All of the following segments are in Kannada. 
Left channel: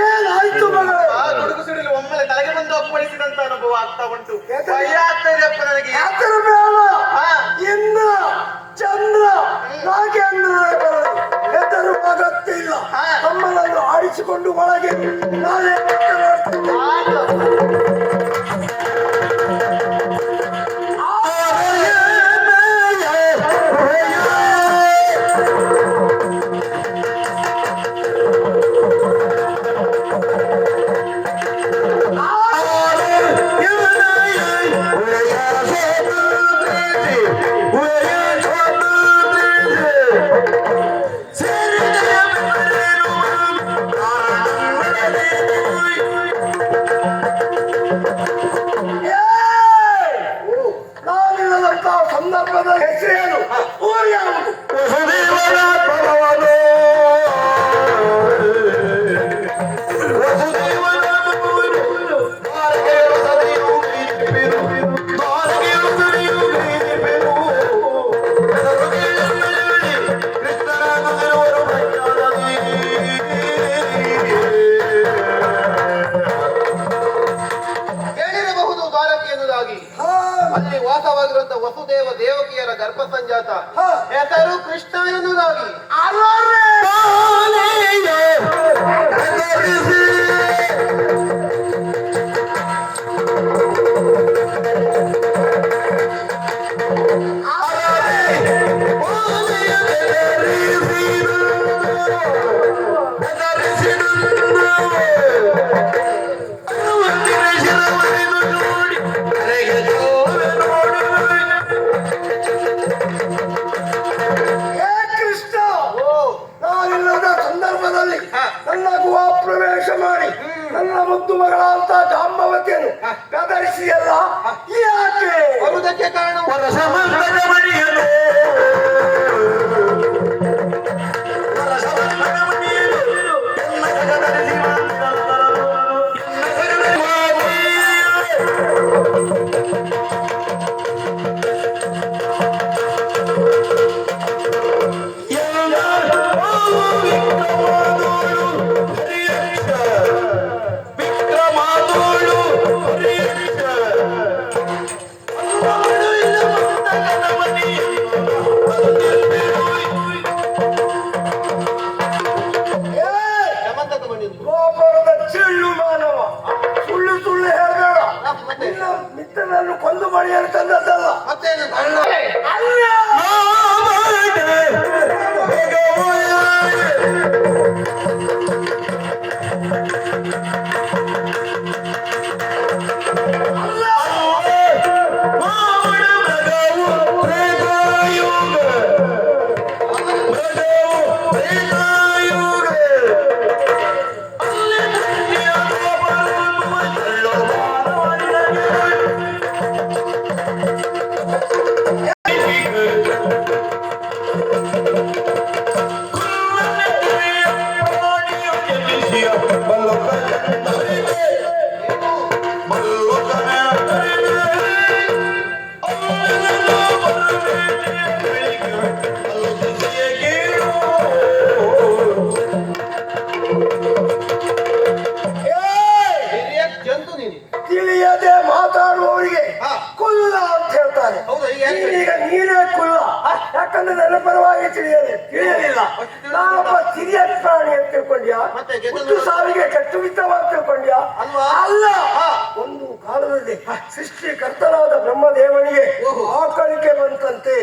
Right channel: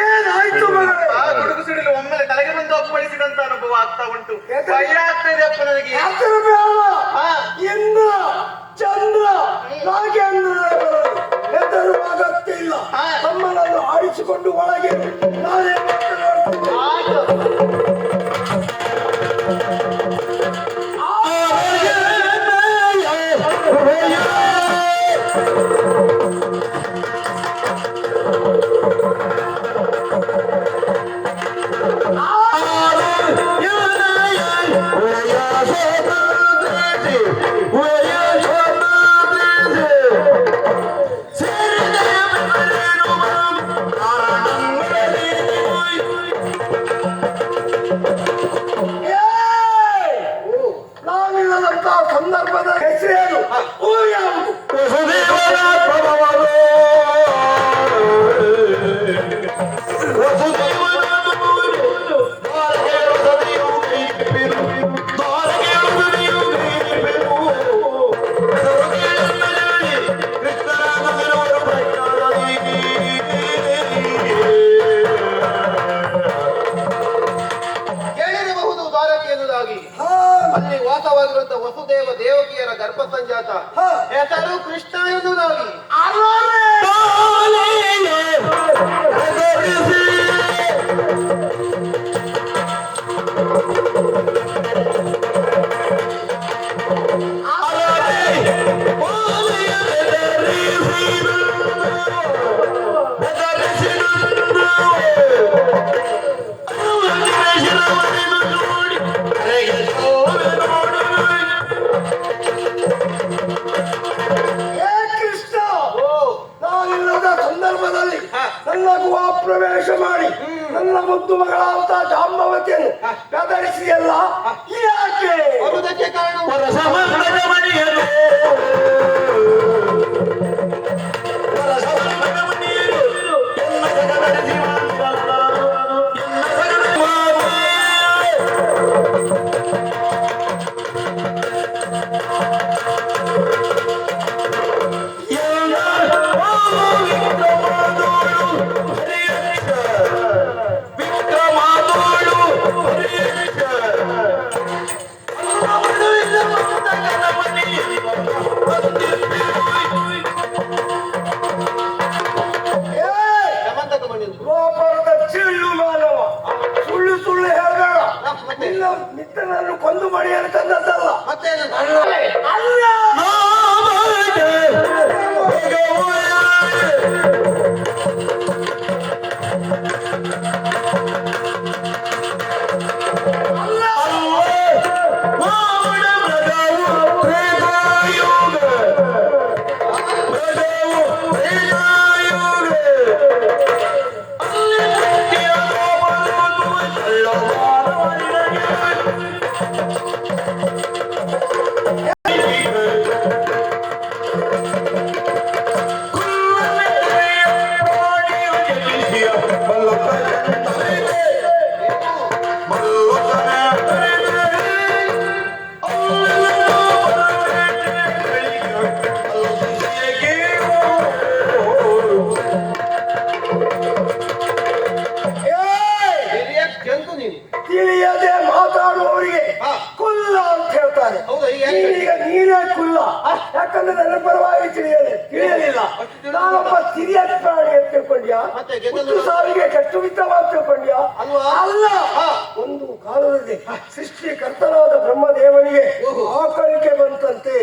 ಏನಾಯ್ತು ಮಗಳೇ? ಆ ಗುಡುಗು ಸಿಡಿಲು ಒಮ್ಮೆಲೆ ತಲೆಗೆ ಬಂದು ಅಪ್ಪಳಿಸಿದಂತ ಅನುಭವ ಆಗ್ತಾ ಉಂಟು. ಭಯ ಆಗ್ತಾ ಇದೆ ಅಪ್ಪ ನನಗೆ ಯಾತರ ಬೇಡ. ಇಂದ್ರ ಚಂದ್ರ ನಾಗೇಂದ್ರ ಹೆದರು ಅಗತ್ಯ ಇಲ್ಲ. ಹಾ. ತಮ್ಮನನ್ನು ಆಡಿಸಿಕೊಂಡು ಒಳಗೆ ನಾನೇ ಮಾತನಾಡ್ತೀನಿ. ದೇವಕಿಯರ ಗರ್ಭ ಸಂಜಾತ. ಹೆಸರು ಕೃಷ್ಣ ಪ್ರವೇಶ ಮಾಡಿ ನನ್ನ ಮುದ್ದು ಮಗಳಾದ ಜಾಂಬವತಿಯನ್ನು ಗದರಿಸಿಯಲ್ಲ ಯಾಕೆ? ಬರುವುದಕ್ಕೆ ಕಾರಣ ಹುಟ್ಟು ಸಾವಿಗೆ ಕಟ್ಟುಬಿಟ್ಟವಾಗಿ ತಿಳ್ಕೊಂಡ್ಯ ಅಲ್ವಾ? ಅಲ್ಲ. ಒಂದು ಕಾಲದಲ್ಲಿ ಸೃಷ್ಟಿ ಕರ್ತನಾದ ಬ್ರಹ್ಮದೇವನಿಗೆ ಆ ಆಕಳಿಕೆ ಬಂತಂತೆ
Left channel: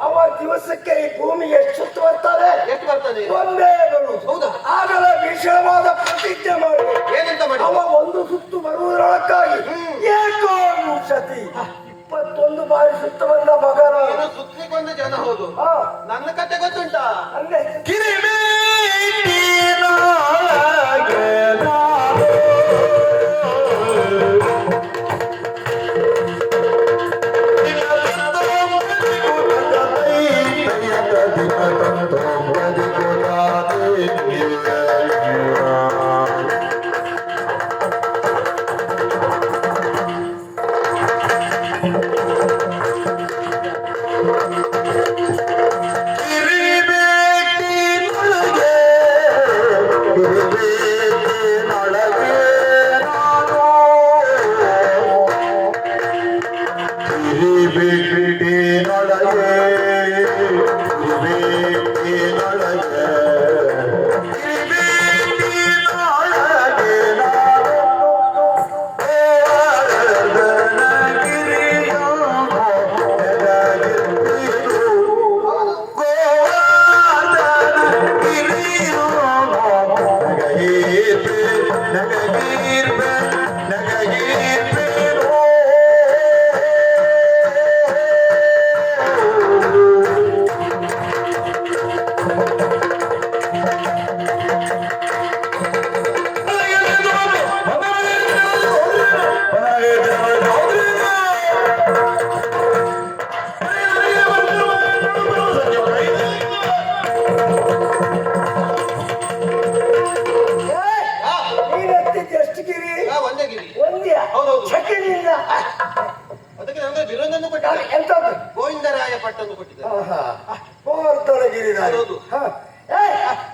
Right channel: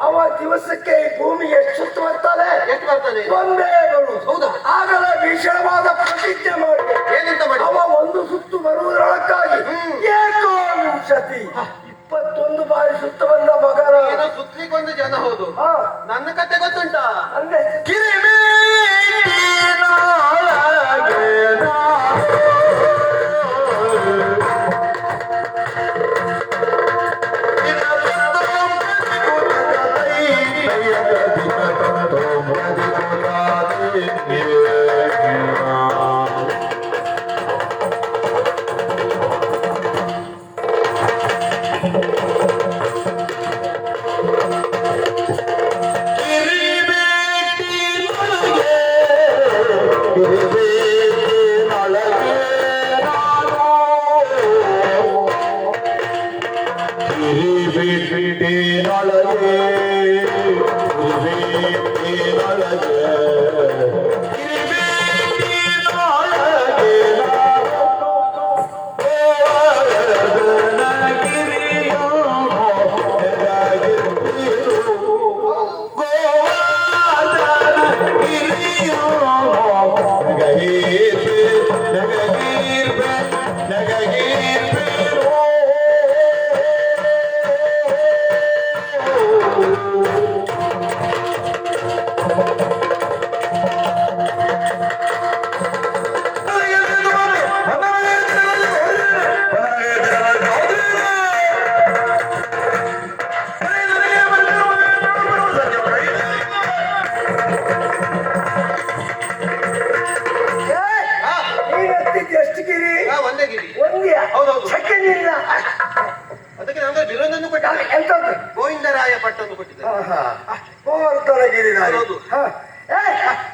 ಅವ ದಿವಸಕ್ಕೆ ಈ ಭೂಮಿಗೆ ಎಷ್ಟು ಸುತ್ತು ಬರ್ತಾರೆ ಎಷ್ಟು ಬರ್ತದೆ? ಒಂದೇ ಹೌದಾ? ಆಗಲೇ ಭೀಷಣವಾದ ಪ್ರತಿಜ್ಞೆ ಏನಂತ ಮಾಡಿ ಅವ ಒಂದು ಸುತ್ತು ಬರುವುದರೊಳಕ್ಕಾಗಿ ಸತಿ ಇಪ್ಪತ್ತೊಂದು ಬಾರಿ ಸುತ್ತ ಬಂದ ಮಗನ ಸುತ್ತಲಿಕ್ಕೊಂದು ಜನ ಹೌದು. ನನ್ನ ಕತೆ ಗೊತ್ತುಂಟಾ? ಅಂದ್ರೆ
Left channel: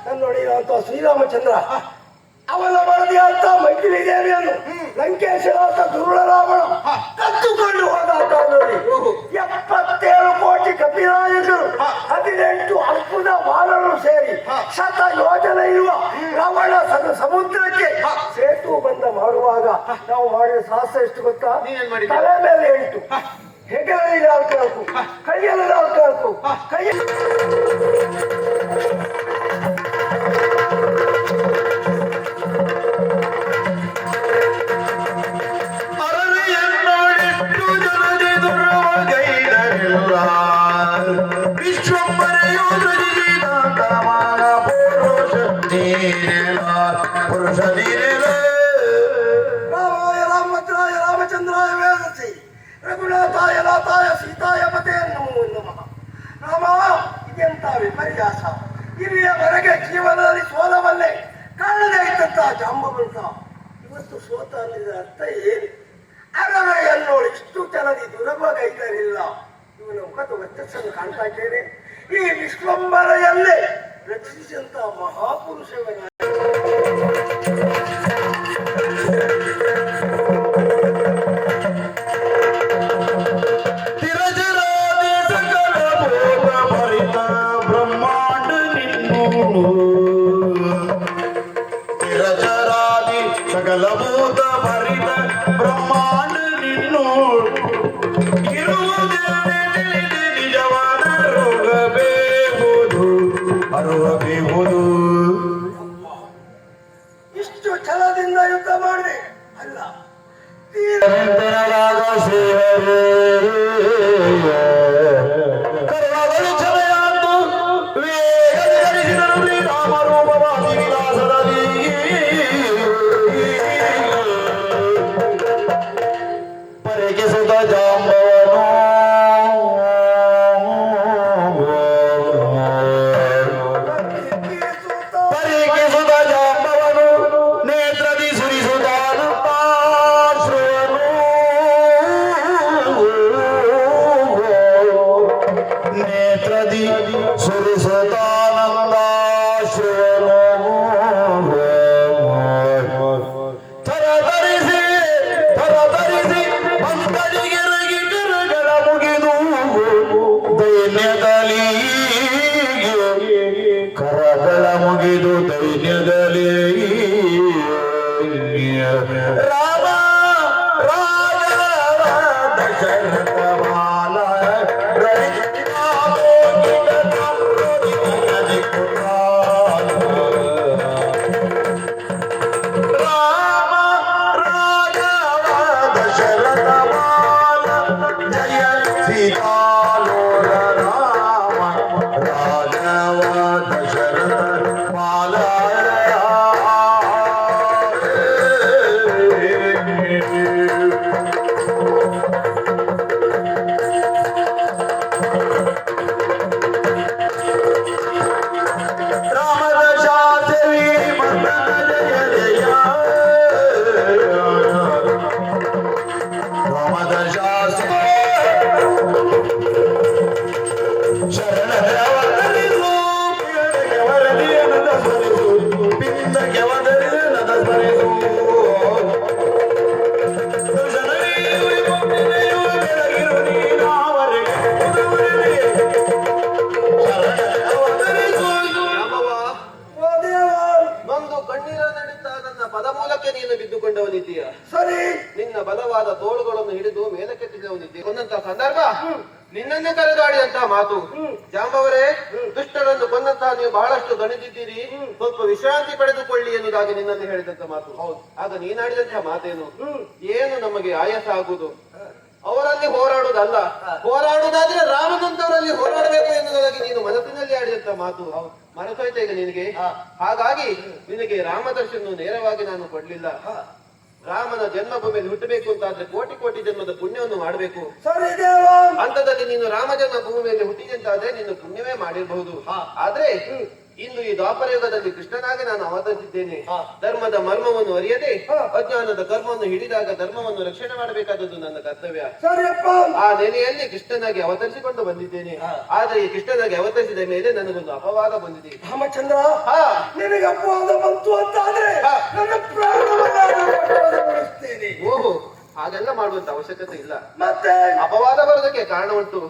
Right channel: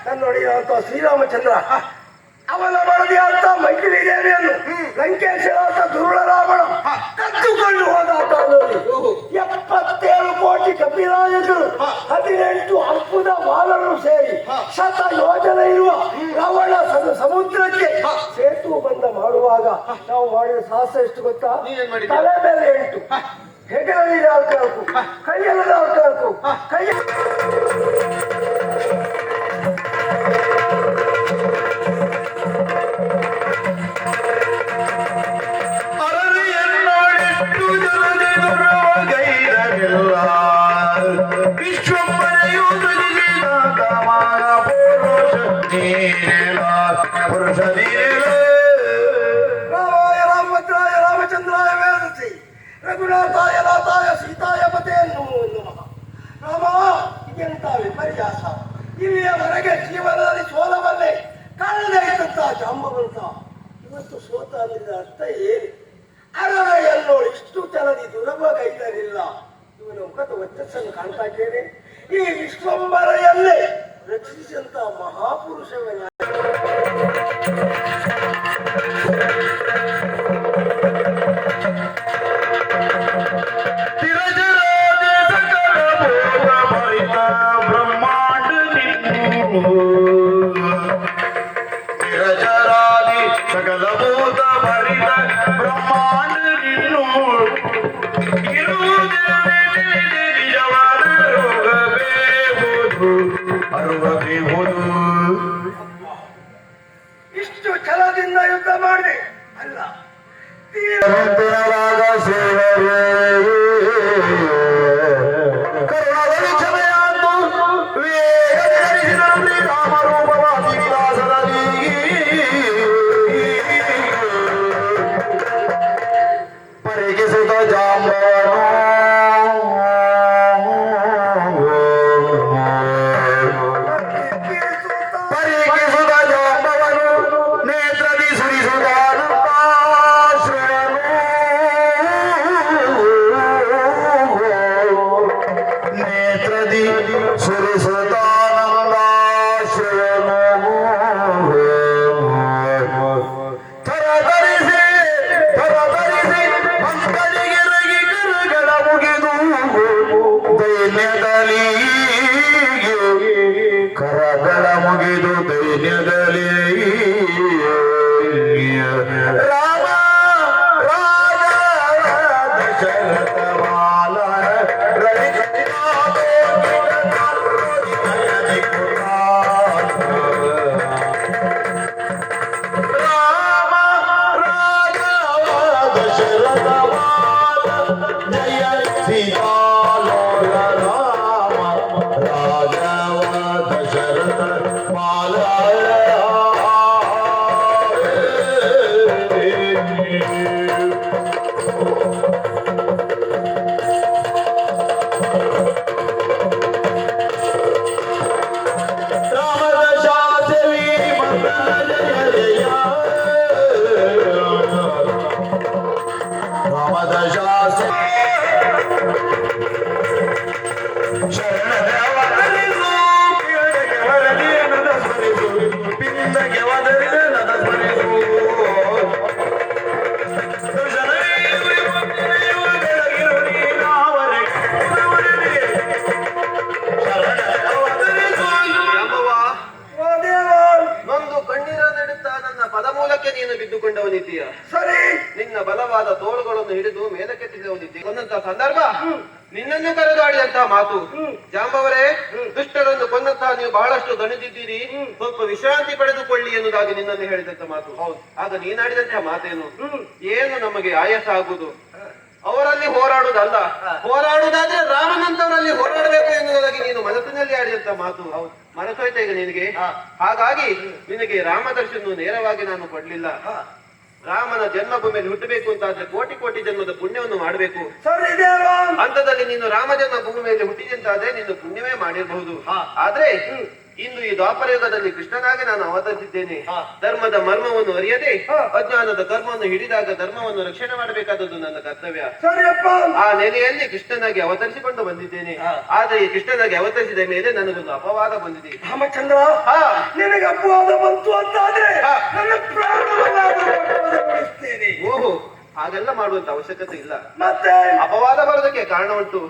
ನಾನು ನೋಡಿ ಅಂತ ಶ್ರೀರಾಮಚಂದ್ರ. ಅವನ ಬರದಿ ಅಂತ ಮೈತ್ರಿ ದೇವಿಯನ್ನು ಲಂಕೇಶ್ವರ ದುರುಳ ರಾವಣ ಕದ್ದುಕೊಂಡು ಹೋದ. ಎಪ್ಪತ್ತೇಳು ಕೋಟಿ ಕಪಿರಾಯಕರು ಹದಿನೆಂಟು ಅಲ್ಪದ ಬಾಲರು ಸೇರಿ ಶತ ಯೋಜನೆ ಇರುವ ರಾವಣ ಸದ ಸಮುದ್ರಕ್ಕೆ ಸೇತು ಬಂದ ಮಾಡುವಾಗ ನಾವು ಮಾಡಿದ ಸಾಹಸ ಎಷ್ಟು ಗೊತ್ತಾ? ತಲೆ ಮೇಲೆ ಎಂಟು ಹೆಗಲಲ್ಲಿ ನಾಲ್ಕು ನಾಲ್ಕು ಕೈಯಲ್ಲಿ ನಾಲ್ಕು ನಾಲ್ಕು ಕೈ ಇಷ್ಟು ಜನದಿ ದುರಭಗೈದರಿಲ್ಲ ಇವನ ಮುಖದ ವರ್ಚಸ್ಸನ್ನು ಕಾಣ್ತಾ ಇದ್ದೇನೆ. ಈ ವಿಶ್ವಂಬರೆಯಲ್ಲೇ ರಕ್ಷಿಸಿದಂತಹ ಮಹಾಪುರುಷವನ್ನ ಅರುವಬೇವುದು ಇಷ್ಟು ಛಲದಿಂದ ಯುದ್ಧ ಮಾಡಿದೆ. ಅಲ್ಲ. ತೀರ ನಿರಂತರವಾದ ಸೇವರೇ ಕರುಣಗಳು ಕ್ಷಮೆಯಾದ್ದು. परेगी करता ಬಿದ್ದುಕೊಂಡವನಿದ್ದೀಯ ಸರಿ. ನಿನ್ನ ಬಲವಾದ ತೋಳುಗಳನ್ನು ಹಿಡಿದು ಮೇಲಕ್ಕೆತ್ತಿದವನಿದ್ದೀಯ ಒಂದಂತಹ ಸಂದರ್ಭ? ನಿನ್ನನ್ನು ಕರೆದು ಆಡಿದಂತಹ ಮಾತು ಜಾಂಬವರೇ ದುಷ್ಟರನ್ನು ಕೊಂದಂತಹ ನೀವು ಬಹಳಷ್ಟು ದಣಿದಿದ್ದೀರಿ. ಸ್ವಲ್ಪ ವಿಶ್ರಾಂತಿ ಪಡೆದುಕೊಳ್ಳಿ ಎನ್ನುವುದಾಗಿ ನಿನ್ನನ್ನು ಹೇಳಿದಂತ ಮಾತು. ಹೌದು. ಆಗ ನೀನಾಡಿದಂತಹ ಮಾತೇನು? ಏನು ನಮಗೆ ಆಯಾಸ ಆಗುವುದು? ಅವರಲ್ಲಿ ಹೋರಾಡುವುದಲ್ಲ. ಹೋರಾಡುವುದಾದ್ರೆ ರಾಮನಂತವರಲ್ಲಿ ಹೋರಾಡಬೇಕು ಎನ್ನುವುದಾಗಿ ನೀನು ಮನಸ್ಸಿನಲ್ಲಿ ಆಡಿದಂತ ಮಾತು. ಮನಸ್ಸೋಯ್ತಾ ಈಗ ನಿನಗೆ? ಹಾಗಾಗಿ ನಿನಗೆ ರಾಮದರ್ಶನ ನೇರವಾಗಿ ನಾನು ಕೊಡ್ಲಿಲ್ಲ. ರಾಮನ ಜನ್ಮಭೂಮಿಯಲ್ಲಿ ಹುಟ್ಟಬೇಕು ಅಂತಾದ್ರೆ ಕೋಟಿ ಕೋಟಿ ಜನ್ಮದ ಪುಣ್ಯವನ್ನು ಮಾಡಬೇಕು. ಅಂತದಲ್ಲಿ ನೀನು ರಾಮ ಜನ್ಮ ಭೂಮಿಯಲ್ಲಿ ಹುಟ್ಟಿದಂತಾದ್ರೆ ನೀನು ಪುಣ್ಯವೇ ಮಾಡಿರಬಹುದು. ಆದ್ರೆ ಇಂದು ಈ ದ್ವಾಪರ ಯುಗದಲ್ಲಿ ಕೃಷ್ಣನಾಗಿ ನಾನು ಅವತರಿಸಿದ್ದೇನೆ. ಧರ್ಮದ ಮರ್ಮವನ್ನು ಅರಿಯದೆ ಅಜ್ಞಾನದ ಕರ್ಮವನ್ನು ಹಿಡಿದಾಗ ಧರ್ಮವನ್ನು ರಕ್ಷಣೆ ಮಾಡಬೇಕಾದದ್ದು ನನ್ನ ಕರ್ತವ್ಯ. ಆ ನೆಲೆಯಲ್ಲಿ ಕೃಷ್ಣನಾಗಿ ಅವತರಿಸಿಕೊಂಡು ಬಂದಿದ್ದೇನೆ. ಆದ್ರೆ ಈ ಕೃಷ್ಣನಾಗಿ ಅವತರಿಸಿದ ಮೇಲೆ ನನಗೊಂದು ಅಪವಾದ ಬಂದಿದೆ. ರಾಮಚಂದ್ರ ಹಾ. ನಿನಗೆ ಅಪವಾದ ಬಂತು ಅಂತಾದ್ರೆ. ನನ್ನ ಓಹೋ ಹಾಗೆಲ್ಲ ಮಾಡುವಂತ ಅವಶ್ಯಕತೆ ಇಲ್ಲ. ಮತ್ತೆ? ಅಪವಾದ ಬರೋದಕ್ಕೆ ಕಾರಣ ಉಂಟು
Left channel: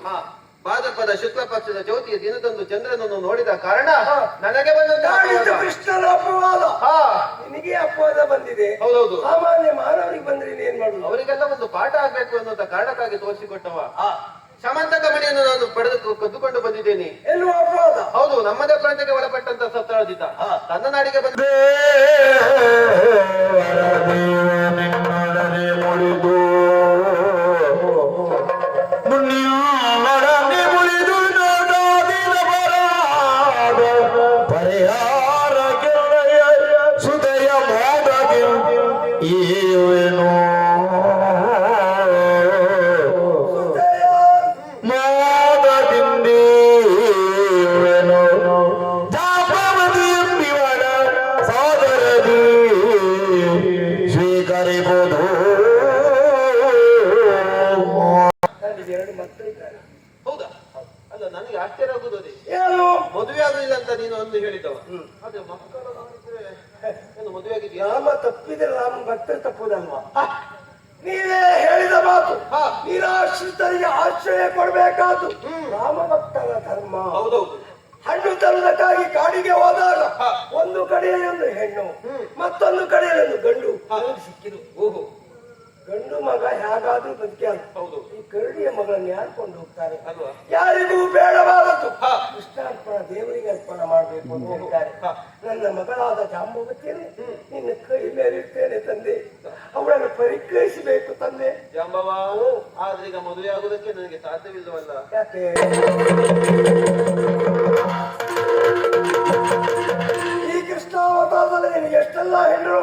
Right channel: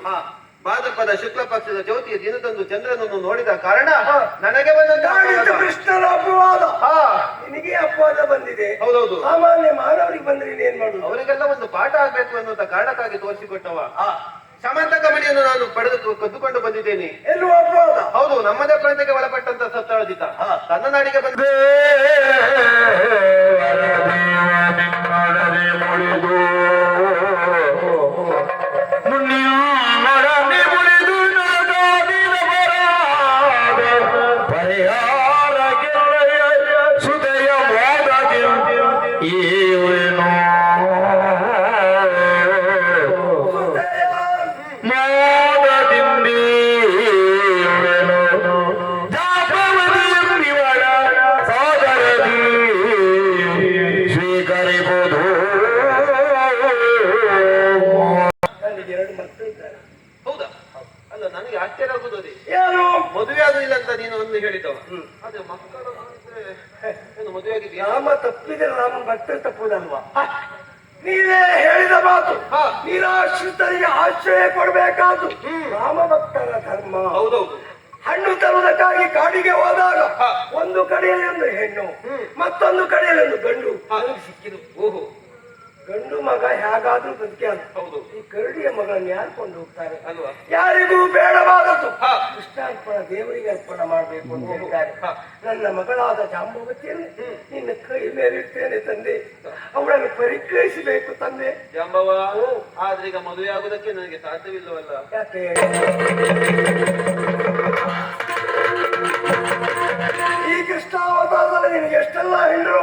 ಭಾದ್ರಪದ ಶುಕ್ಲ ಪಕ್ಷದ ಜ್ಯೋತಿಯ ದಿನದಂದು ಚಂದ್ರನನ್ನು ನೋಡಿದ ಕಾರಣ ನನಗೆ ಅಪವಾದ. ಕೃಷ್ಣನ ಅಪವಾದ. ಹಾ. ನಿನಗೆ ಅಪವಾದ ಬಂದಿದೆ. ಹೌದೌದು. ಸಾಮಾನ್ಯ ಮಾನವರಿಗೆ ಬಂದ್ರೆ ಏನ್ ಮಾಡುದು? ಅವರಿಗೆಲ್ಲ ಒಂದು ಪಾಠ ಆಗ್ಬೇಕು ಅನ್ನುವಂತ ಕಾರಣಕ್ಕಾಗಿ ತೋರಿಸಿಕೊಟ್ಟವ. ಸಮಂತಕ ಮಣಿಯನ್ನು ನಾನು ಪಡೆದು ಕದ್ದುಕೊಂಡು ಬಂದಿದ್ದೇನೆ. ಎಲ್ಲೂ ಅಪವಾದ. ಹೌದು ನಮ್ಮದ ಕಳತೆಗೆ ಒಳಪಟ್ಟಂತ ಸತ್ತಾಜಿತ ತನ್ನ ನಾಡಿಗೆ ಬಂದ ಮುಳಿದು ಮದುವೆ ಯಾಮ ರಾಮ ತಪ್ಪಿದ್ರೆ ರಾಮ ಭಕ್ತರು ತಪ್ಪುದಲ್ವಾ ನೀವೇ ಹೇಳಿದ ಮಾತು. ನಿರಾಶ್ರಿತರಿಗೆ ಆಶ್ರಯ ಕೊಡಬೇಕಾದ್ದು ರಾಮ ಭಕ್ತರ ಧರ್ಮ. ಹೌದೌದು. ಹಣ್ಣು ತರುವುದಕ್ಕಾಗಿ ಕಾಡಿಗೆ ಹೋದಾಗ ಒಂದು ಕಡೆಯಲ್ಲಿ ಒಂದು ಹೆಣ್ಣು ಮತ್ತೊಂದು ಕಡೆಯಲ್ಲಿ ಒಂದು ಗಂಡು ಸಿಕ್ಕಿದು ಓಹೋ. ಗಂಡು ಮಗ ಹೇಗಾದ್ರೂ ಬದುಕ್ಯಾನ ಹೌದು. ಈ ಕರುಡಿಯ ಮಗಳನ್ನು ಯಾರು ಕೊಂಡು ಹೋಗ್ತಾರೆ ಅಲ್ವಾ? ಯಾರಿಗೂ ಬೇಡವಾದದ್ದು. ಹಾ. ಕೃಷ್ಣಾರ್ಪಣ ದೇವರಿಗೆ ಅರ್ಪಣ ಮಾಡಬೇಕು ಅಂತ ಹೇಳ್ತಾರೆ. ನನ್ನ ಮಗಳಾದ ಜಾಂಬವತಿಯನ್ನು ನಿನ್ನ ಕೈ ಮೇಲಿಟ್ಟೇನೆ ತಂದೆ. ಅವಳನ್ನು ಪರಿಗ್ರಹಿಸಬೇಕು ತಂದೆ. ಜಾಂಬವ ಆದ್ರೆ ಈಗ ಮದುವೆ ಆಗುದಕ್ಕೆ ನನಗೆ ಸಾಧ್ಯವಿಲ್ಲವಲ್ಲ. ಯಾಕೆ? ಈ ಕೃಷ್ಣಾವತಾರದಲ್ಲಿ ನಿನಗೆ ಎಷ್ಟೆಲ್ಲ ಹೆಣ್ಣರು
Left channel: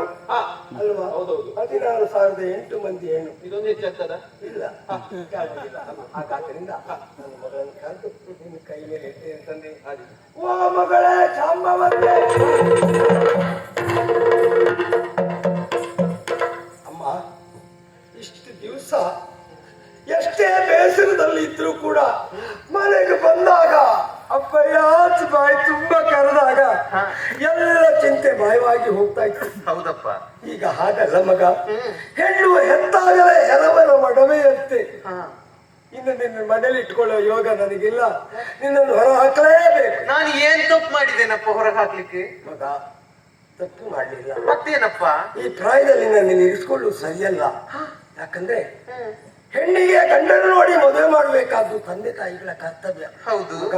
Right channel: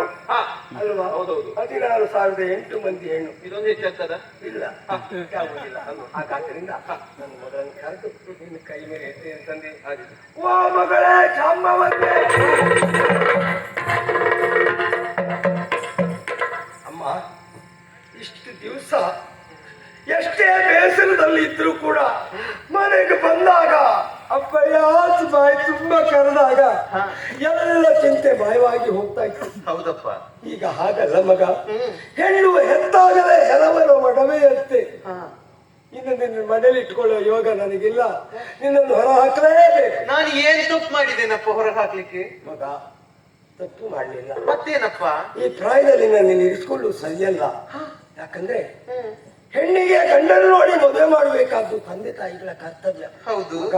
ಅಲ್ವಾ? ಹೌದೌದು. ಹದಿನಾರು ಸಾವಿರದ ಎಂಟು ಮಂದಿ ಹೆಣ್ಣು. ಇದೊಂದು ಹೆಚ್ಚಾಗ್ತದ ಇಲ್ಲ. ಆಗುದಿಲ್ಲ ಹಾಗಾದ್ರಿಂದ ನನ್ನ ಮಗಳನ್ನು ಕರೆದು ನಿನ್ನ ಕೈ ಮೇಲೆ ಎತ್ತೆ ಅಂತಂದೆ ಹಾಗೆ. ಓ ಮಗಳೇ ಚಾಂಬವಂತೆ ಅಮ್ಮ ಇಷ್ಟು ದಿವಸ ಎಷ್ಟೇ ಬೇಸರದಲ್ಲಿ ಇದ್ರು ಕೂಡ ಮನೆಗೆ ಬಂದಾಗ ಅಪ್ಪಯ್ಯ ಬಾಯಿ ತುಂಬಾ ಕರೆದಾಗ ಎಲ್ಲ ಚಿಂತೆ ಭಯವಾಗಿ ಹೋಗ್ತಾ ಇತ್ತು. ಹೌದಪ್ಪ. ಈಗ ಹಾಗಲ್ಲ ಮಗ. ಹೆಣ್ಣು ಹೆತ್ತಾಗಲೇ ಹೆರವರ ಮಡವೆಯಂತೆ ಇನ್ನು ನಿನ್ನ ಮನೇಲಿ ಇಟ್ಕೊಳ್ಳೋ ಯೋಗ ನನಗಿಲ್ಲ. ನಿನ್ನನ್ನು ಹೊರ ಹಾಕಲೇಬೇಕು ನಾನು ಏನ್ ತಪ್ಪು ಮಾಡಿದ್ದೇನಪ್ಪ ಹೊರ ಹಾಕ್ಲಿಕ್ಕೆ ಮಗ ತಪ್ಪು ಮಾಡಲಿಲ್ಲ. ಮತ್ತೇನಪ್ಪ? ಈ ಪ್ರಾಯದಲ್ಲಿ ನಾನು ಇರಿಸ್ಕೊಳ್ಳು ಸರಿಯಲ್ಲ. ಯಾಕಂದ್ರೆ ಹೆಣ್ಣಿಗೆ ಗಂಡನ್ನು ನೋಡಿ ಮದುವೆ ಮಾಡಬೇಕಾದ್ದು ತಂದೆ ತಾಯಿಗಳ ಕರ್ತವ್ಯ. ಹೌದು. ಮಗ.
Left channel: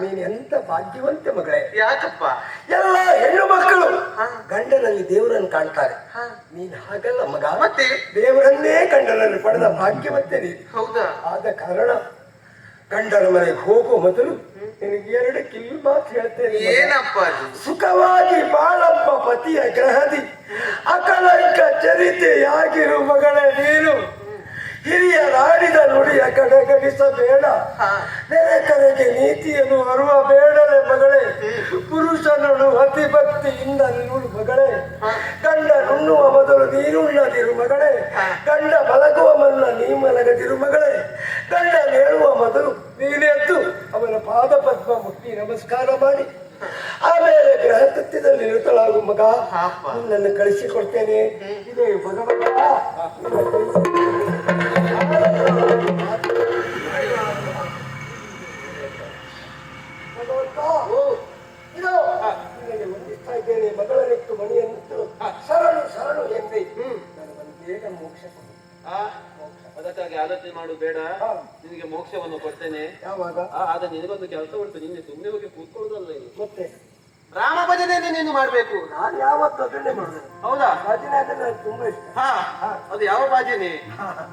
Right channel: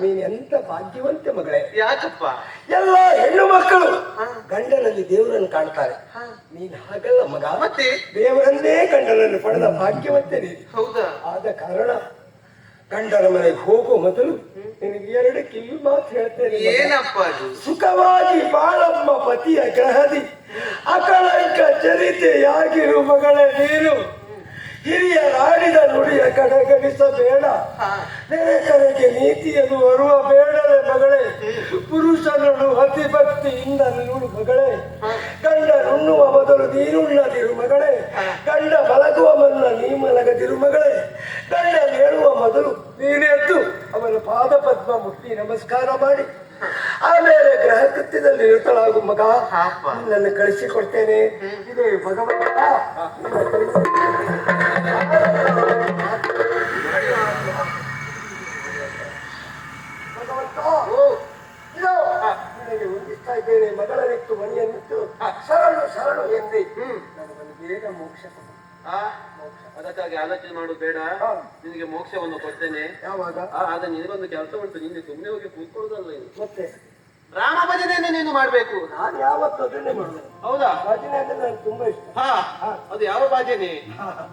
ನೀನ್ ಎಂತ ಭಾಗ್ಯವಂತೆ ಮಗಳೇ. ಯಾಕಪ್ಪ? ಎಲ್ಲ ಹೆಣ್ಣು ಮಕ್ಕಳು ಗಂಡನಲ್ಲಿ ದೇವರನ್ನು ಕಾಣ್ತಾರೆ. ನೀನ್ ಹಾಗಲ್ಲ ಮಗ. ಮತ್ತೆ? ದೇವರನ್ನೇ ಗಂಡನಲ್ಲಿ ಪಡೆದ ಭಾಗ್ಯವಂತೆ ನೀನು. ಹೌದಾ? ಆದ ಕಾರಣ ಗಂಡನ ಮನೆಗೆ ಹೋಗುವ ಮೊದಲು ನಿನಗೆ ಎರಡು ಕಿವಿ ಮಾತು ಹೇಳ್ತೇನೆ ಮಗ. ಏನಪ್ಪ ಅದು? ಸುಖವಾಗಿ ಬಾಳಪ್ಪ ಪತಿಯ ಗ್ರಹದಿ. ಅಕಲಂಕ ಚರಿತೆಯಾಗಿರು ಮಗಳೇ ನೀನು. ಹಿರಿಯ ನಾಡಿದ ನುಡಿಯ ಕಡೆಗಣಿಸಬೇಡ ನೆರೆ ಕಡೆಗೆ ನೀತಿಯನ್ನು ಬರುವ ಬೇಡಲೆ ಮಗಳೇ. ಪುರುಷನನ್ನು ಅತಿ ಭಕ್ತಿಯಿಂದ ನೀನು ಮಗಳೇ. ಗಂಡ ನುಣ್ಣುವ ಮೊದಲು ನೀನುಣ್ಣದಿರು ಮಗಳೇ. ಗಂಡ ಮಲಗುವ ಮನ್ನ ನೀ ಮಲಗದಿರು ಮಗಳೇ. ಗಂಡ ಹೇಳುವ ಮೊದಲು ನೀನೆದ್ದು ಅವನ ಪಾದ ಪದ್ಮ ಮುಟ್ಟಿ ನಮಸ್ಕಾರ ಮಾಡಿ. ಆಮೇಲೆ ಗ್ರಹ ಕೃತ್ಯದಲ್ಲಿ ನಿರತಳಾಗು ಮಗ. ನನ್ನ ಕಳಿಸಿಕೊಡ್ತೇನೆ. ಇದೇ ಭಗವಂತ. ಇದು. ನಿನಗೆ ವಂದಿಸ್ತಾ ಇದ್ದೇನೆ ಮಗಳನಿತ್ತು ಮನೆಯನ್ನಿಟ್ಟು ಶರಣು ಶರಣು ಎಂದ್ರೆ ನನಗೊಂದು ಬೇಗ ಮೋಕ್ಷ ಕೊಡು. ಆ, ಅದಕ್ಕಾಗಿ ಆಲೋಚನೆ ಮಾಡು ಬೇಡ. ನಿನಗೆ ಮೋಕ್ಷವನ್ನು ಕೊಡ್ತೇನೆ. ಯಾವಾಗ? ಆ, ಆದ ನಿನಗೊಂದು ಕೆಲಸ ಉಂಟು. ನಿನ್ನೆ ಸುಮ್ಮನೆ ಹೋಗಿ ಕೂತ್ಕೊಳ್ಳೋದಲ್ಲ ಮತ್ತೆ? ರಾಮ ಭಜನೆಯನ್ನು ನೀನು ಮಾಡ್ಬೇಕು. ನಾನು ಯಾವತ್ತು ಅದನ್ನೇ ಮಾಡಿದೆ ಹೌದಾ? ಭಜನೆ ಅಂದ್ರೆ ನನಗೆ ತುಂಬಾ ಇಷ್ಟ. ಹಾ ಅದು ಯಾವ ಭಜನೆ?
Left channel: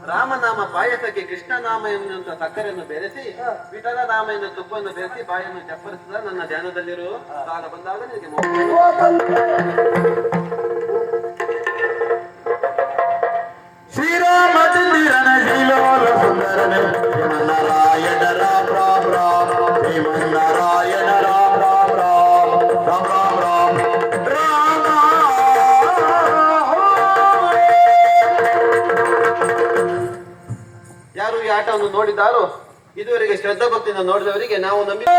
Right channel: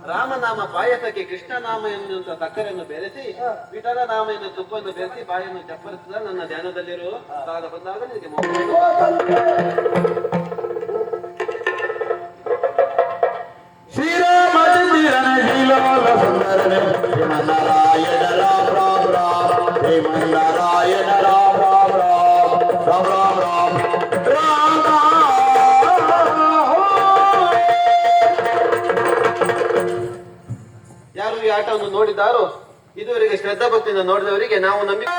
ರಾಮನಾಮ ಪಾಯಸಕ್ಕೆ ಕೃಷ್ಣನಾಮ ಎನ್ನುವಂತ ಸಕ್ಕರೆಯನ್ನು ಬೆರೆಸಿ ವಿಠಲ ನಾಮ ಎನ್ನುವ ತುಪ್ಪವನ್ನು ಬೆರೆಸಿ ಬಾಯನ್ನು ಚಪ್ಪರಿಸಿದ ನನ್ನ ಧ್ಯಾನದಲ್ಲಿರುವ ಕಾಲ ಬಂದಾಗ ನಿನಗೆ ಯಾರು ನೋಡಿದ್ದಾರೋ ಇದುವರೆಗೆ ಶ್ರದ್ಧಾ ಭಕ್ತಿಯಿಂದ ನೋಡಿದವರಿಗೆ ನಾವು ನಂಬಿಕೆ